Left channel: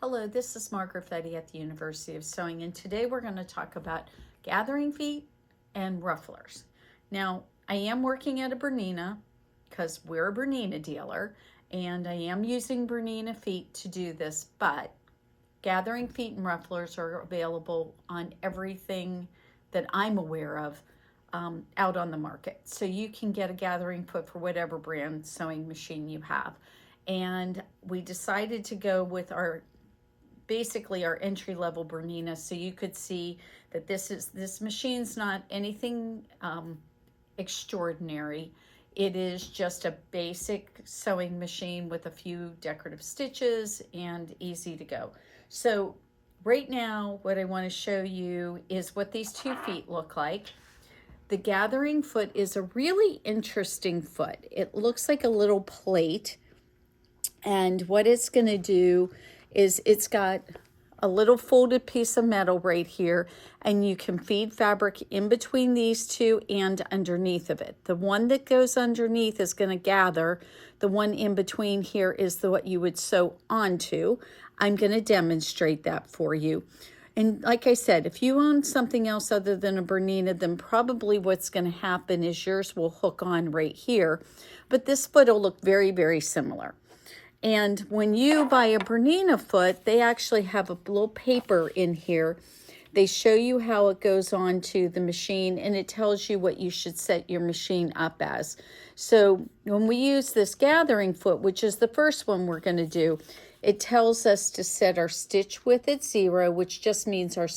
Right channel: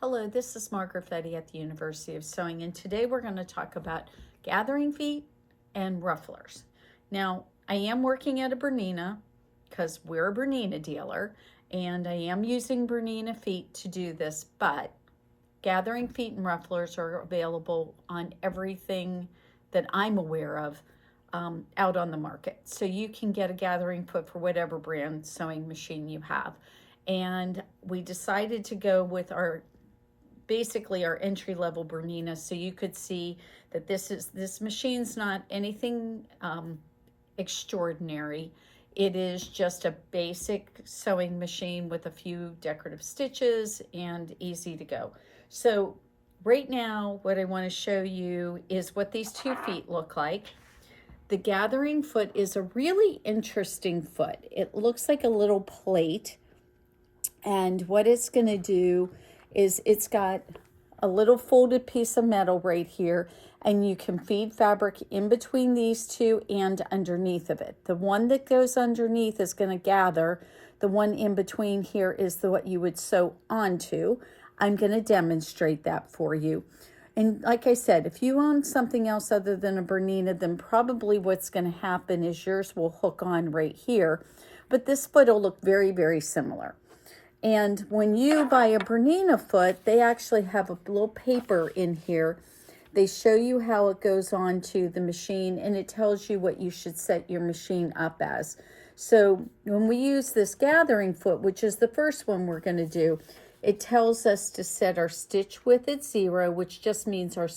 Hello, this is Margaret Fette at the University of Sewing, and today we're going to talk about gathering feet and rufflers. Now, I am working at a Bernina because we're a Bernina dealer, and I am using Bernina feet to do this, but gathering feet and rufflers are available on everything that I'm aware of out on the market. So you can get a gathering foot for whatever brand sewing machine you have. And we decided to go with basically our entry-level Bernina, so you could see that this machine's not anything extraordinary. It is just a basic sewing machine with a few decorative stitches and easy to go. So right now what I want to show you is what these 2 feet look like. The gathering foot is a really interesting foot. It looks like a little plate, and what it's going to do is it's got a little folded piece of metal right here, and you can feed fabric in between these two and underneath of it. The one that goes underneath is going to gather. The one in between here is what you would sew onto. I'm going to demonstrate that for you. And like I said, if you own something else other than a Bernina, then probably what's going to happen is yours will hook on right here. But this foot will look very, very similar. And when you buy a Bernina foot, they actually have a little paper in here. They show you how it goes on to the machine, and it tells you what you should set your machine up as. So when we use this gathering foot, which is the first one we're going to do, it tells us to set our stitch width at 0, which just means our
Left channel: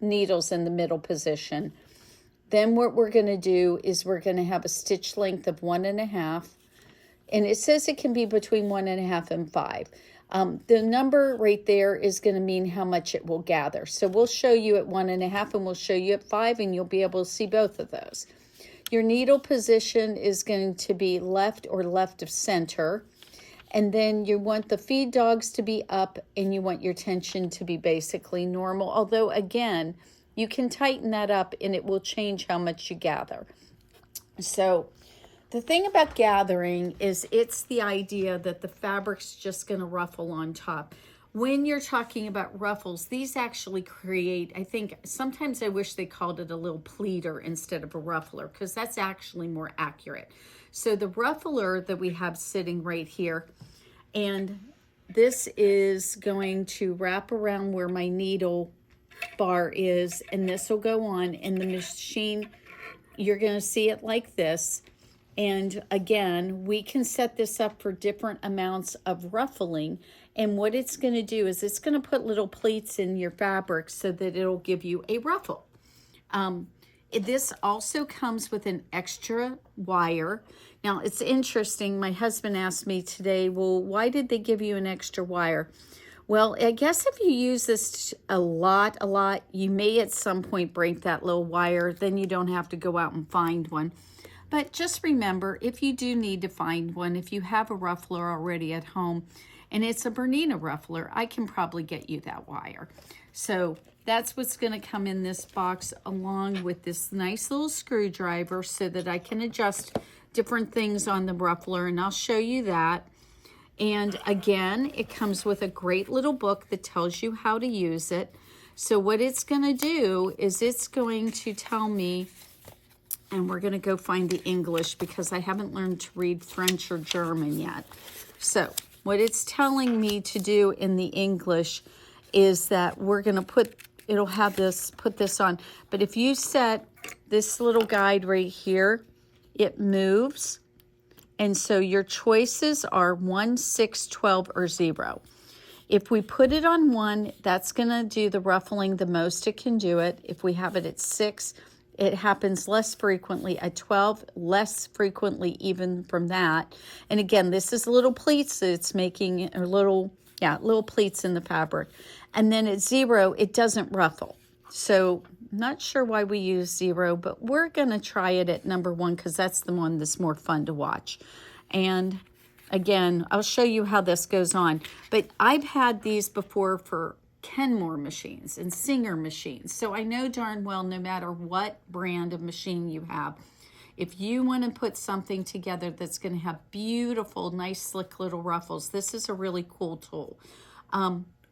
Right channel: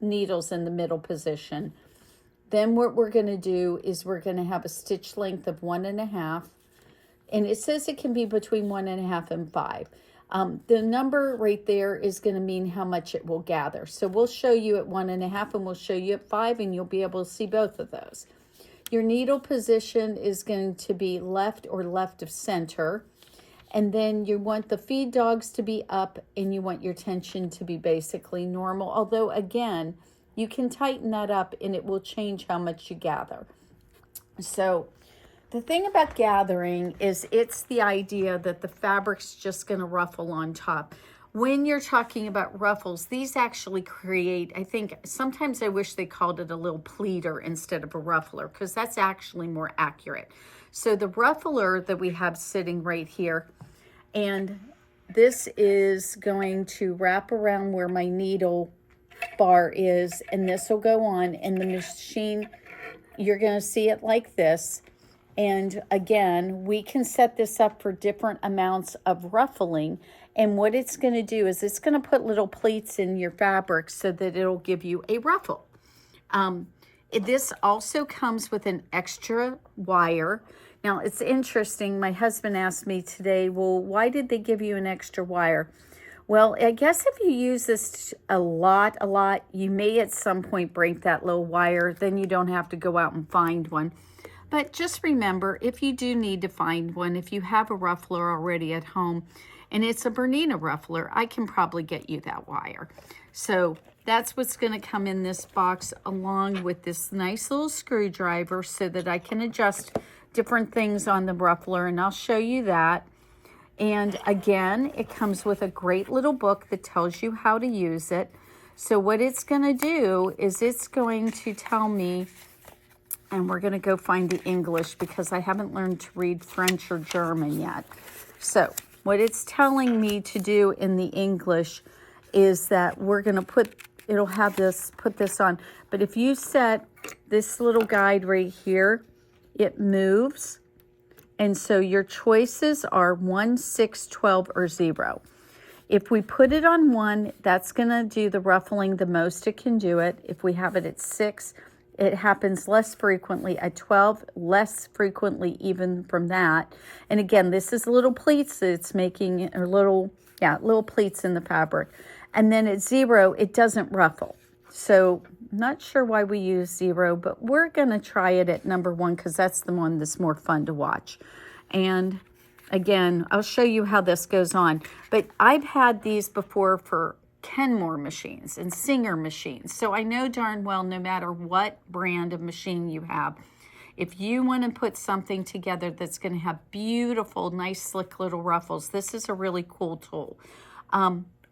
needle's in the middle position. Then what we're going to do is we're going to have a stitch length of 1.5. And it says it can be between 1.5 and 5. The number right there is going to mean how much it will gather. So we'll show you at 1.5 and we'll show you at 5, and you'll be able to see both of those. Your needle position is going to be left or left of center. And then you want the feed dogs to be up, and you want your tension to be basically normal. Although, again, you can tighten that up and it will change how much you gather. So the thing about gathering is it's the idea that the fabric's just going to ruffle on top. When you're talking about ruffles, these actually create, I think, sometimes I wish they called it a little pleater instead of a ruffler, because that's actually more accurate. So the ruffler that we have sitting right here, and this is going to wrap around where my needle bar is, and this will go on, and the machine, you're going to see it like this. And again, we can set this up for different amounts of ruffling. And what it's going to do is it's going to put little pleats in your fabric so that it'll give you a ruffle. This also comes with an extra wire. Now, it's interesting. My husband asked me today, well, why did they give you an extra wire? Well, I guess if you use this a lot, you may at some point break that little wire. Then you don't have to go out and find one. But just remember, if you do need to find one, if you have a ruffler already at home, and it's a Bernina ruffler, I can probably get you that wire. So that's what's going to come in this box, along with this nice little screwdriver so that I can adjust different things on the ruffler, and I'll show you that. And again, it comes with a great little book that tells you how to use it. So what it's going to do is it's going to tell me, and we're going to go find the English because I haven't learned to read French or German yet. So what it's telling me to do in the English is that we're going to it'll have this, put this on. But if you set this little guide right here, it moves. And so your choices are 1, 6, 12, or 0. If we put it on 1, that's going to do the ruffling the most it can do it. If we have it at 6, it happens less frequently. At 12, less frequently even from that. And again, this is little pleats that it's making, or little pleats in the fabric. And then at 0, it doesn't ruffle. So not sure why we use 0, but we're going to try it at number 1 because that's the one that's more fun to watch. And again, I'll show you how this goes on. But I've had these before for Kenmore machines and Singer machines. So I know darn well, no matter what brand of machine you have, if you want to put something together that's going to have beautiful, nice, slick little ruffles, this is a really cool tool.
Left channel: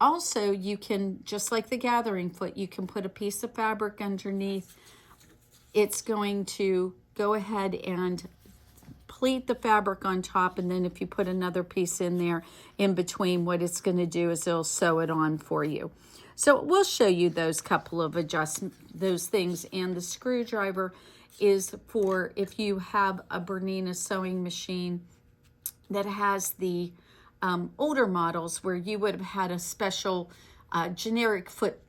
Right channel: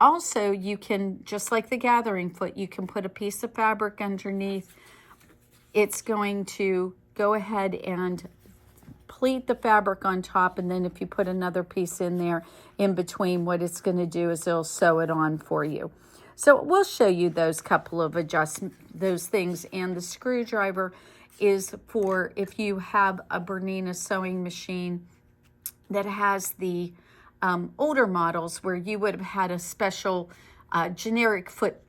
also you can, just like the gathering foot, you can put a piece of fabric underneath. It's going to go ahead and pleat the fabric on top, and then if you put another piece in there in between, what it's going to do is it'll sew it on for you. So we'll show you those couple of those things. And the screwdriver is for if you have a Bernina sewing machine that has the older models where you would have had a special generic foot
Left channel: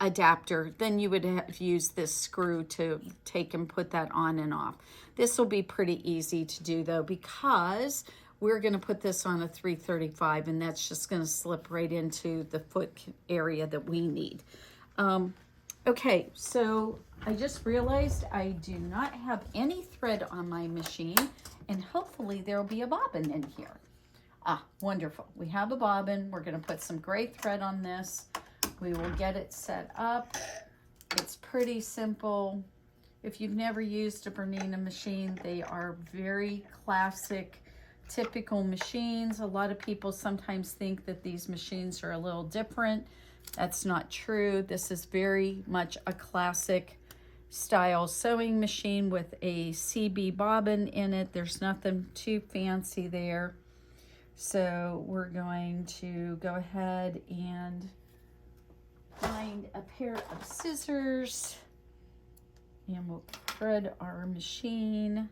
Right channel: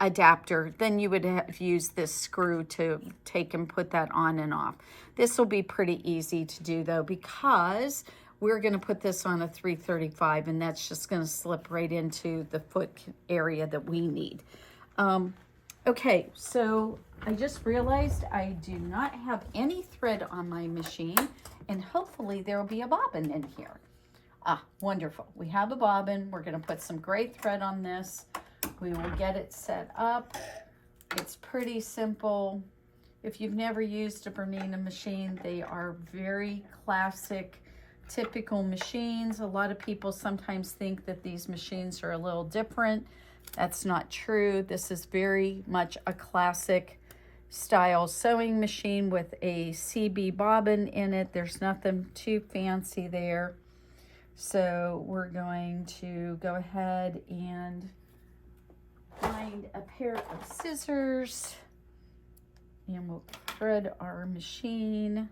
adapter, then you would have used this screw to take and put that on and off. This will be pretty easy to do though, because we're going to put this on a 335, and that's just going to slip right into the foot area that we need. Okay, so I just realized I do not have any thread on my machine, and hopefully there will be a bobbin in here. Ah, wonderful. We have a bobbin. We're going to put some gray thread on this. We will get it set up. It's pretty simple. If you've never used a Bernina machine, they are very classic, typical machines. A lot of people sometimes think that these machines are a little different. That's not true. This is very much a classic style sewing machine with a CB bobbin in it. There's nothing too fancy there. So we're going to go ahead and find a pair of scissors, and we'll thread our machine.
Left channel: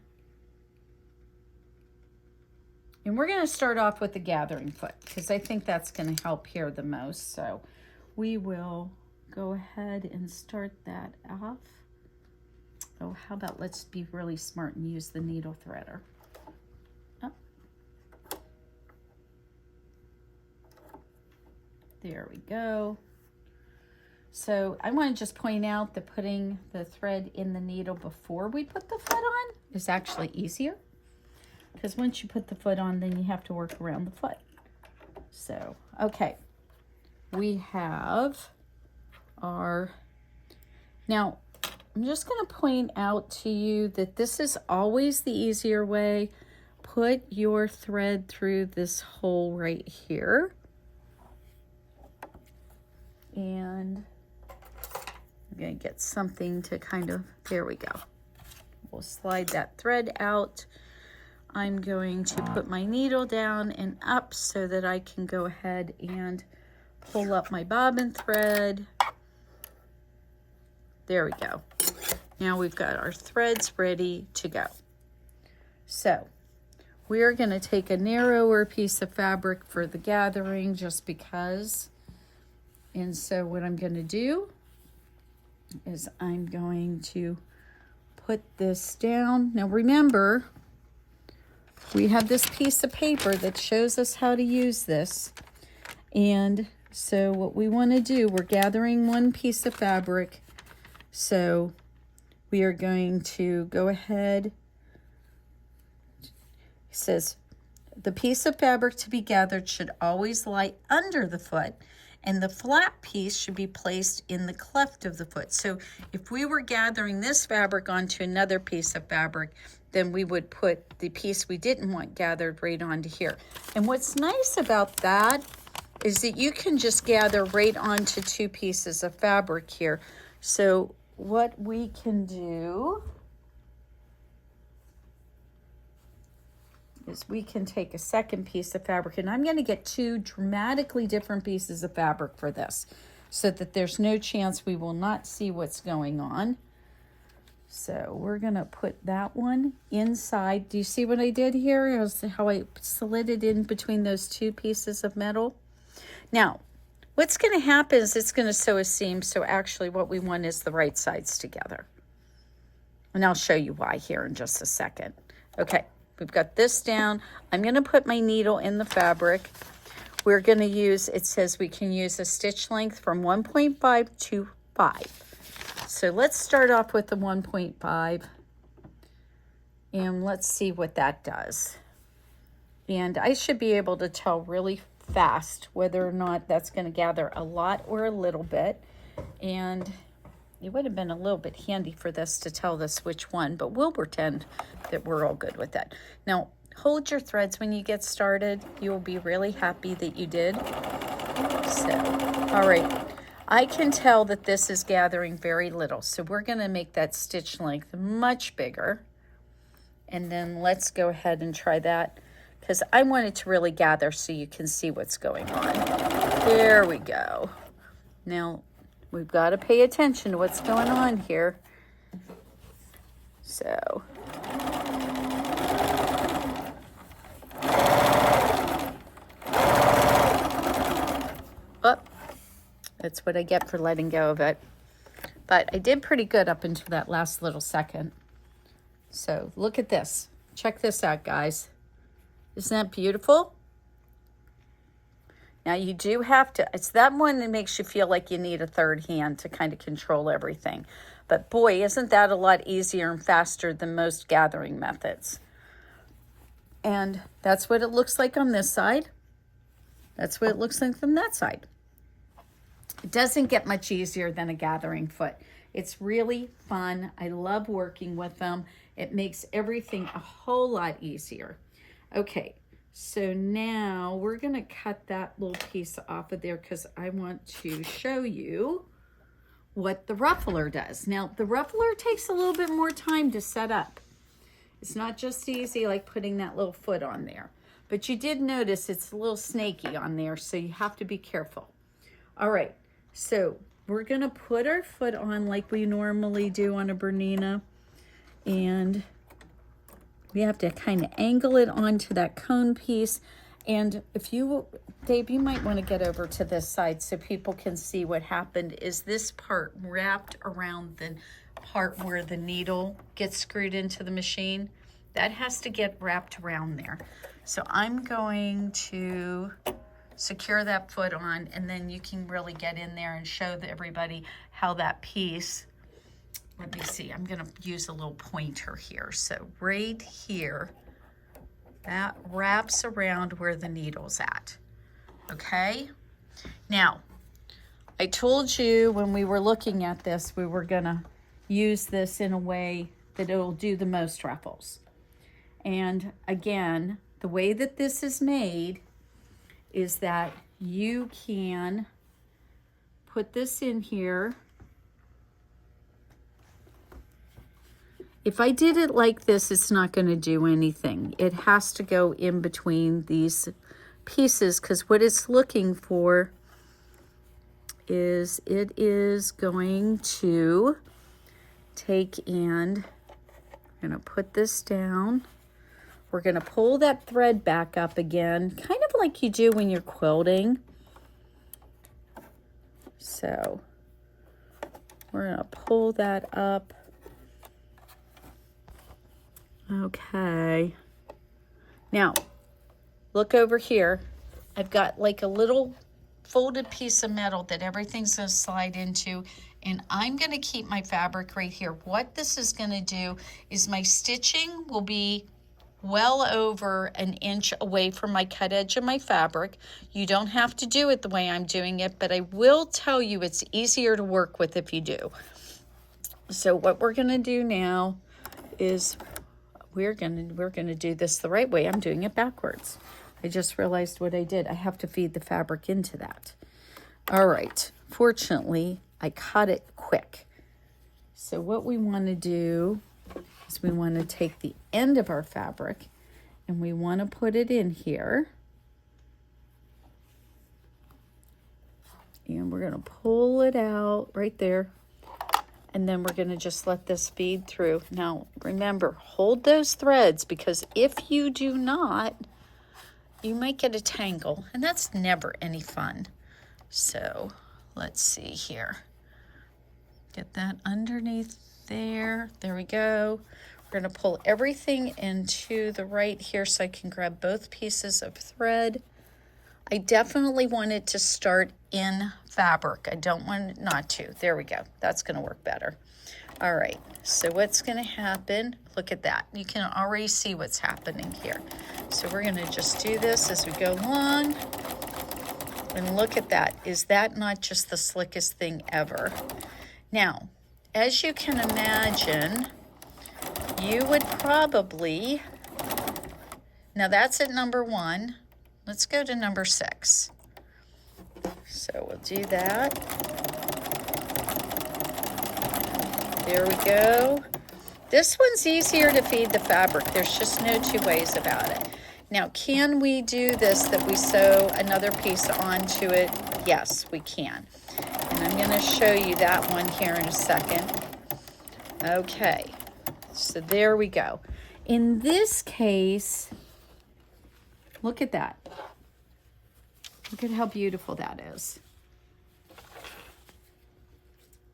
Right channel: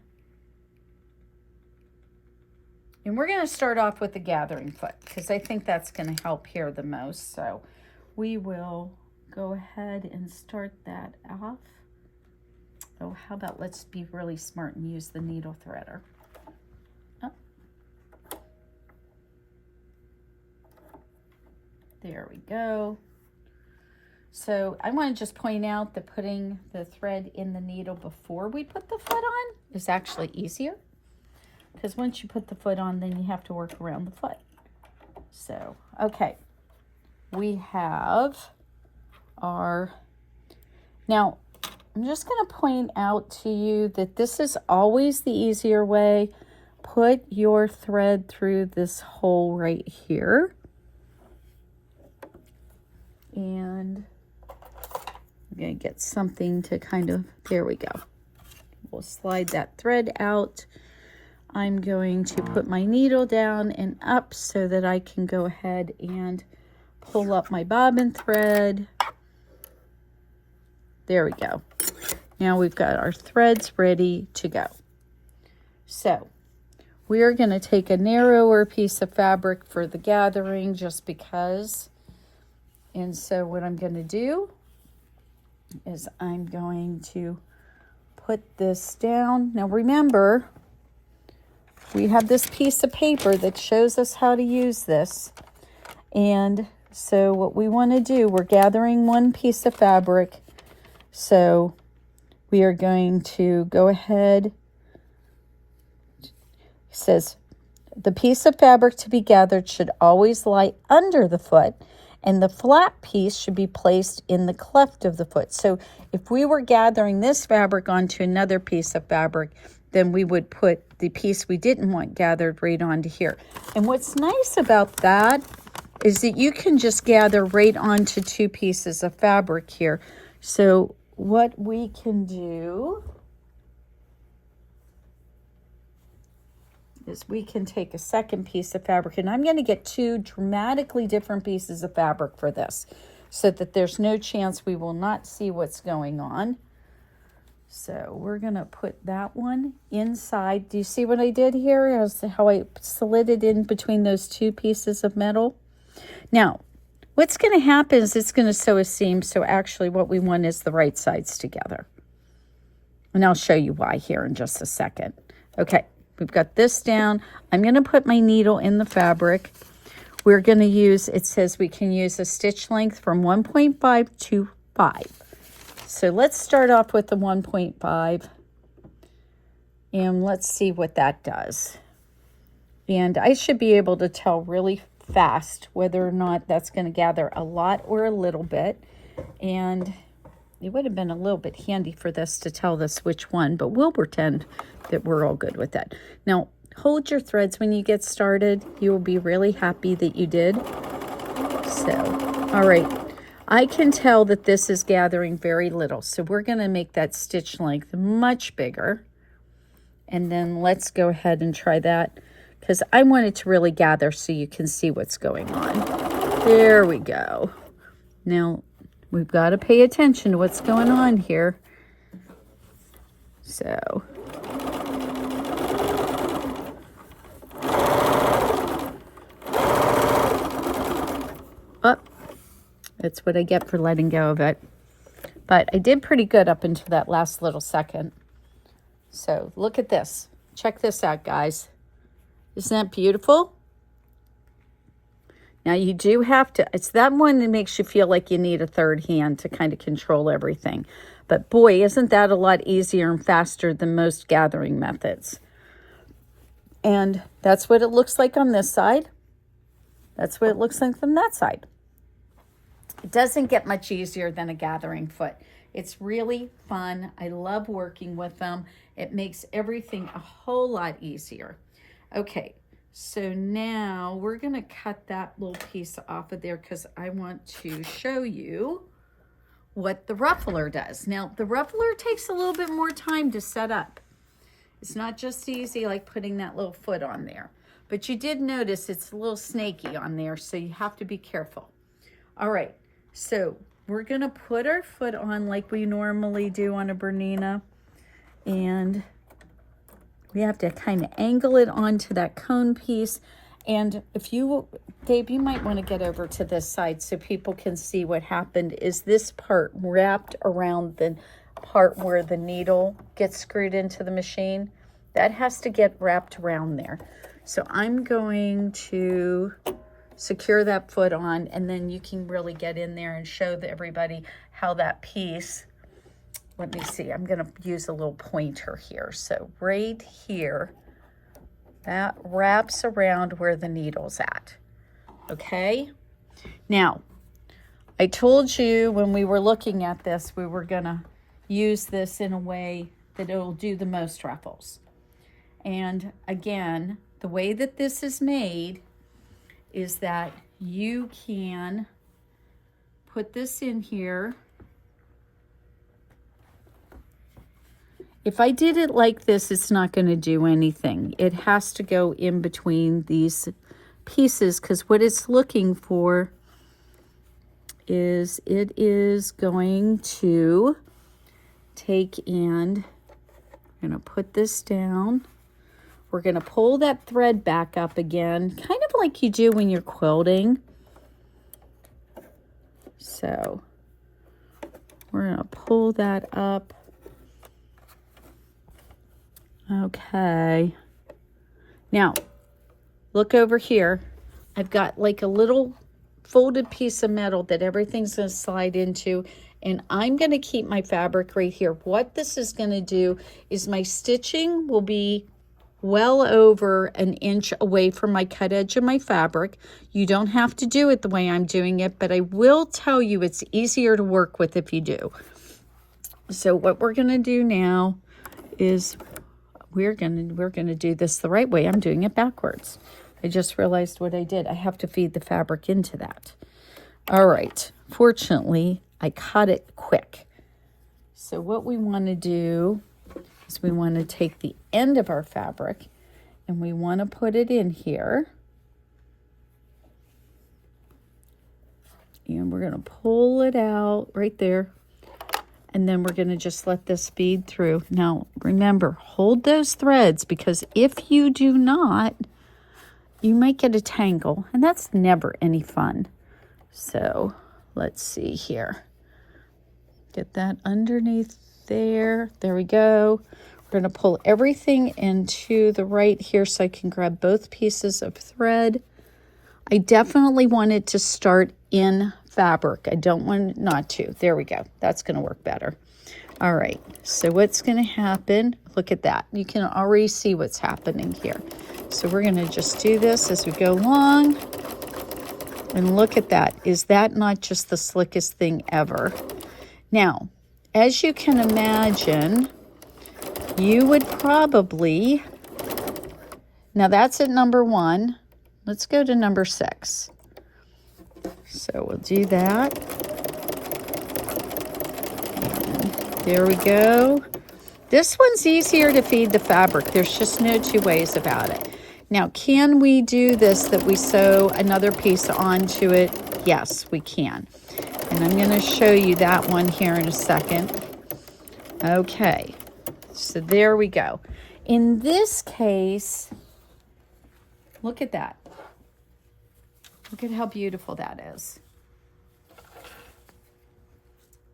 And we're going to start off with the gathering foot, because I think that's going to help here the most. So we will go ahead and start that off. Oh, how about let's be really smart and use the needle threader. Oh. There we go. So I want to just point out that putting the thread in the needle before we put the foot on is actually easier, because once you put the foot on, then you have to work around the foot. So, okay, we have our, now I'm just going to point out to you that this is always the easier way. Put your thread through this hole right here. And I'm going to get something to kind of, there we go. We'll slide that thread out. I'm going to put my needle down and up so that I can go ahead and pull up my bobbin thread. There we go. Now we've got our threads ready to go. So we're going to take a narrower piece of fabric for the gathering just because. And so what I'm going to do is I'm going to put this down. Now remember, we have this piece of paper that shows us how to use this. And so what we want to do, we're gathering one piece of fabric. So we are going to go ahead. It says, the piece of fabric to be gathered should always lie under the foot, and the flat piece should be placed in the cleft of the foot. So if we were gathering this fabric onto another piece of fabric, then we would put the piece we didn't want gathered right onto here. And what's nice about that is that you can just gather right onto two pieces of fabric here. So what we can do is we can take a second piece of fabric, and I'm going to get two dramatically different pieces of fabric for this so that there's no chance we will not see what's going on. So we're going to put that one inside. Do you see what I did here? How I slid it in between those two pieces of metal. Now, what's going to happen is it's going to sew a seam, so actually what we want is the right sides together. And I'll show you why here in just a second. Okay. We've got this down. I'm going to put my needle in the fabric. We're going to use, it says we can use a stitch length from 1.5 to 5. So let's start off with the 1.5. And let's see what that does. And I should be able to tell really fast whether or not that's going to gather a lot or a little bit. And it would have been a little bit handy for this to tell us which one, but we'll pretend that we're all good with that. Now, hold your threads when you get started. You will be really happy that you did. So, all right. I can tell that this is gathering very little. So we're going to make that stitch length much bigger. And then let's go ahead and try that, because I want it to really gather so you can see what's going on. There we go. Now, we've got to pay attention to what's going on here. So, oh, that's what I get for letting go of it. But I did pretty good up until that last little second. So look at this. Check this out, guys. Isn't that beautiful? Now you do have to, it's that one that makes you feel like you need a third hand to kind of control everything. But boy, isn't that a lot easier and faster than most gathering methods. And that's what it looks like on this side. That's what it looks like from that side. It doesn't get much easier than a gathering foot. It's really fun. I love working with them. It makes everything a whole lot easier. Okay, so now we're gonna cut that little piece off of there because I want to show you what the ruffler does. Now, the ruffler takes a little bit more time to set up. It's not just easy like putting that little foot on there. But you did notice it's a little snaky on there, so you have to be careful. All right, so we're gonna put our foot on like we normally do on a Bernina, and we have to kind of angle it onto that cone piece. And if you, Dave, you might want to get over to this side so people can see what happened. Is this part wrapped around the part where the needle gets screwed into the machine? That has to get wrapped around there. So I'm going to secure that foot on, and then you can really get in there and show everybody how that piece, let me see, I'm gonna use a little pointer here. So right here, that wraps around where the needle's at, okay? Now, I told you when we were looking at this, we were gonna use this in a way that it'll do the most ruffles. And again, the way that this is made is that you can put this in here. If I did it like this, it's not going to do anything. It has to go in between these pieces, because what it's looking for is it is going to take and I'm going to put this down. We're going to pull that thread back up again, kind of like you do when you're quilting. So we're going to pull that up. Okay. Now, look over here. I've got like a little folded piece of metal that everything's going to slide into, and I'm going to keep my fabric right here. What this is going to do is my stitching will be well over an inch away from my cut edge of my fabric. You don't have to do it the way I'm doing it, but I will tell you it's easier to work with if you do. So what we're going to do now is we're going to do this the right way. I'm doing it backwards. I just realized what I did. I have to feed the fabric into that. All right. Fortunately, I cut it quick. So what we want to do is we want to take the end of our fabric and we want to put it in here. And we're going to pull it out right there. And then we're going to just let this feed through. Now, remember, hold those threads, because if you do not, you might get a tangle, and that's never any fun. So let's see here. Get that underneath there. There we go. We're going to pull everything into the right here so I can grab both pieces of thread. I definitely want it to start in fabric. I don't want it not to. There we go. That's going to work better. All right. So what's going to happen? Look at that. You can already see what's happening here. So we're going to just do this as we go along. And look at that. Is that not just the slickest thing ever? Now, as you can imagine, you would probably, now that's at number 1. Let's go to number 6. So we'll do that. There we go. This one's easier to feed the fabric. There's just no two ways about it. Now, can we do this, that we sew another piece onto it? Yes, we can. And I'm going to show you that one here in a second. Okay, so there we go. In this case, look at that. Look at how beautiful that is.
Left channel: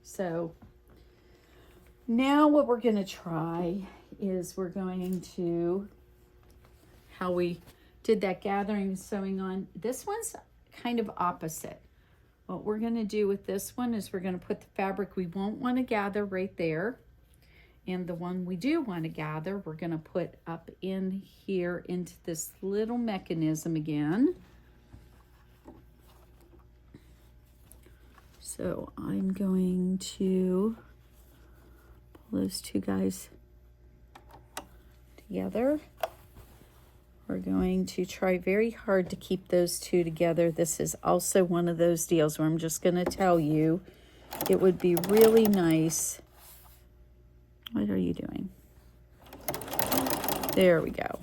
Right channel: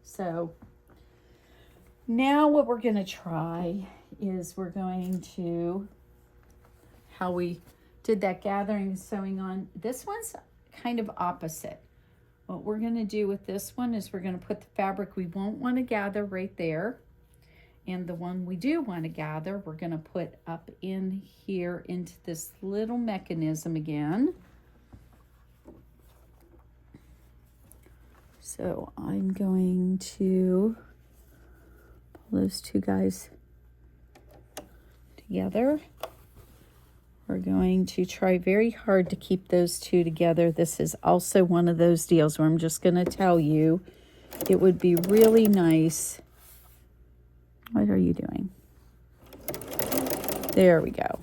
So now what we're going to try is we're going to, how we did that gathering and sewing on. This one's kind of opposite. What we're going to do with this one is we're going to put the fabric we won't want to gather right there. And the one we do want to gather, we're going to put up in here into this little mechanism again. So I'm going to pull those two guys together. We're going to try very hard to keep those two together. This is also one of those deals where I'm just going to tell you it would be really nice. What are you doing? There we go.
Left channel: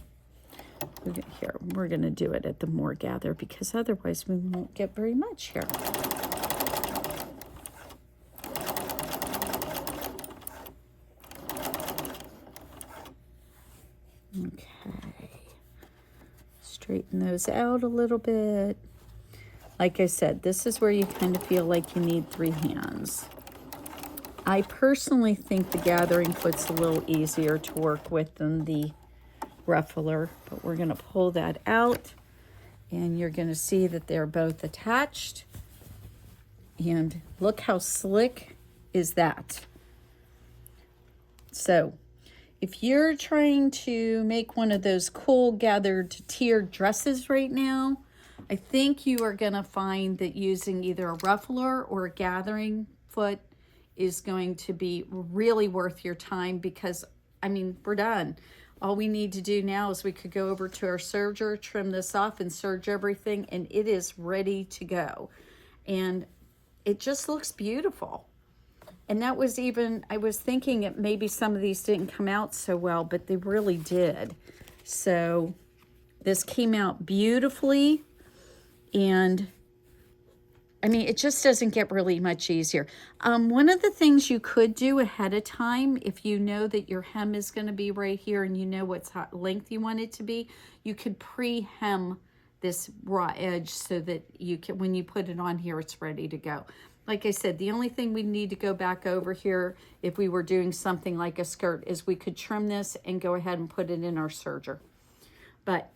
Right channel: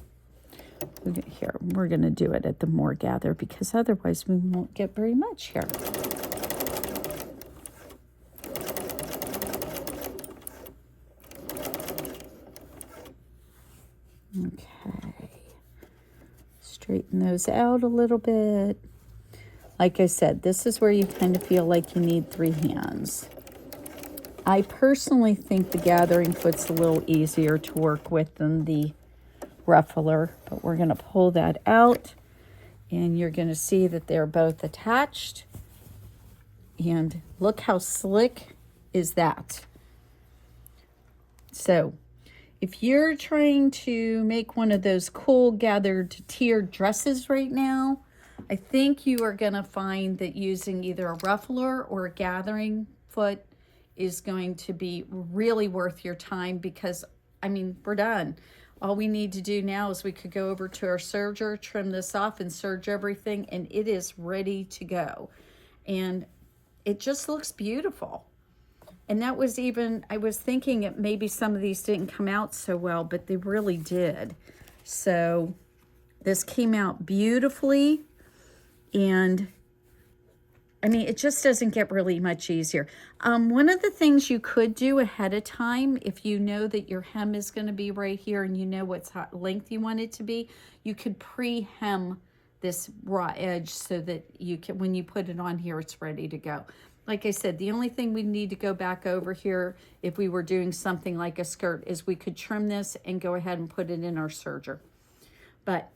Here, we're going to do it at the more gather because otherwise we won't get very much here. Okay. Straighten those out a little bit. Like I said, this is where you kind of feel like you need 3 hands. I personally think the gathering foot's a little easier to work with than the ruffler, but we're going to pull that out and you're going to see that they're both attached. And look how slick is that. So if you're trying to make one of those cool gathered tiered dresses right now, I think you are going to find that using either a ruffler or a gathering foot is going to be really worth your time because, I mean, we're done. All we need to do now is we could go over to our serger, trim this off and serge everything, and it is ready to go. And it just looks beautiful. And that was even, I was thinking that maybe some of these didn't come out so well, but they really did. So this came out beautifully. And I mean, it just doesn't get really much easier. One of the things you could do ahead of time, if you know that your hem is going to be right here and you know what length you want it to be, you could pre-hem this raw edge so that you can, when you put it on here, it's ready to go. Like I said, the only thing we need to go back over here if we were doing something like a skirt is we could trim this and go ahead and put it in our serger. But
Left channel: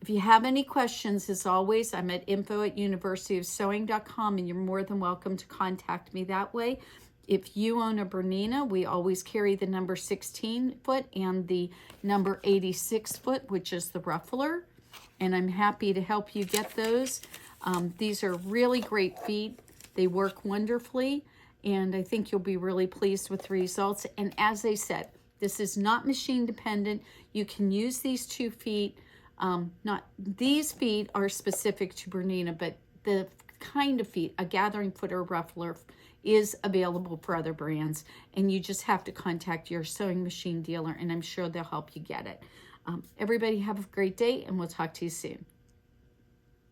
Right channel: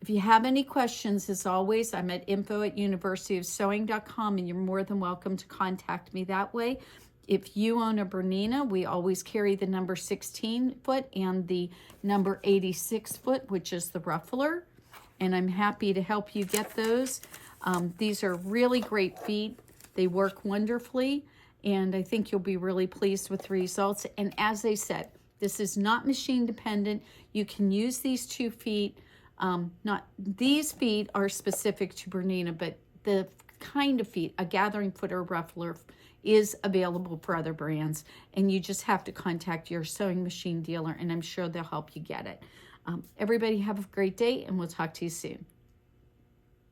if you have any questions, as always, I'm at info@universityofsewing.com, and you're more than welcome to contact me that way. If you own a Bernina, we always carry the number 16 foot and the number 86 foot, which is the ruffler, and I'm happy to help you get those. These are really great feet. They work wonderfully, and I think you'll be really pleased with the results. And as I said, this is not machine dependent. You can use these 2 feet. These feet are specific to Bernina, but the kind of feet, a gathering foot or ruffler, is available for other brands, and you just have to contact your sewing machine dealer, and I'm sure they'll help you get it. Everybody have a great day, and we'll talk to you soon.